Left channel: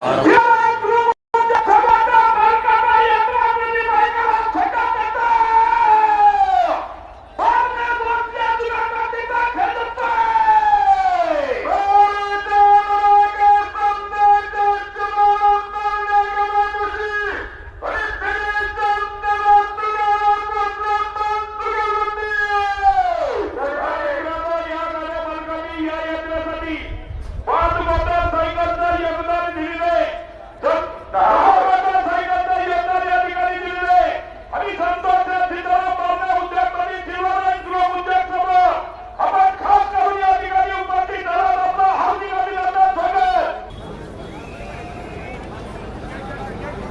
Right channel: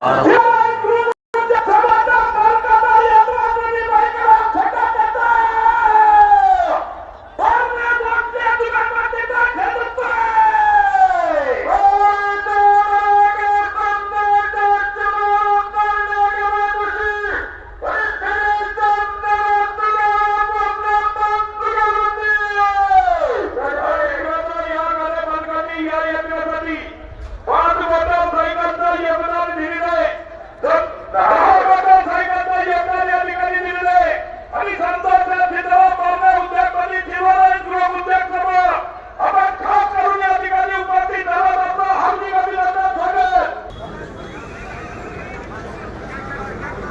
Auto.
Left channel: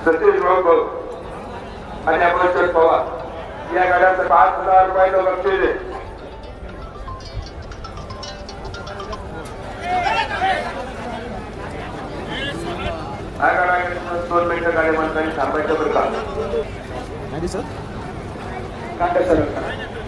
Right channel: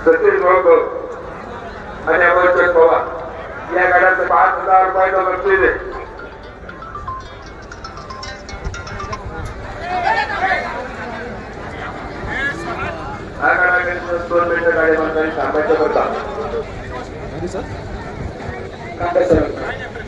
Satish Babu અને અમરચંદ પવાર ત્યાં કદાચ પાંચ હજાર રૂપિયા તો બચી દે Thank you, sir.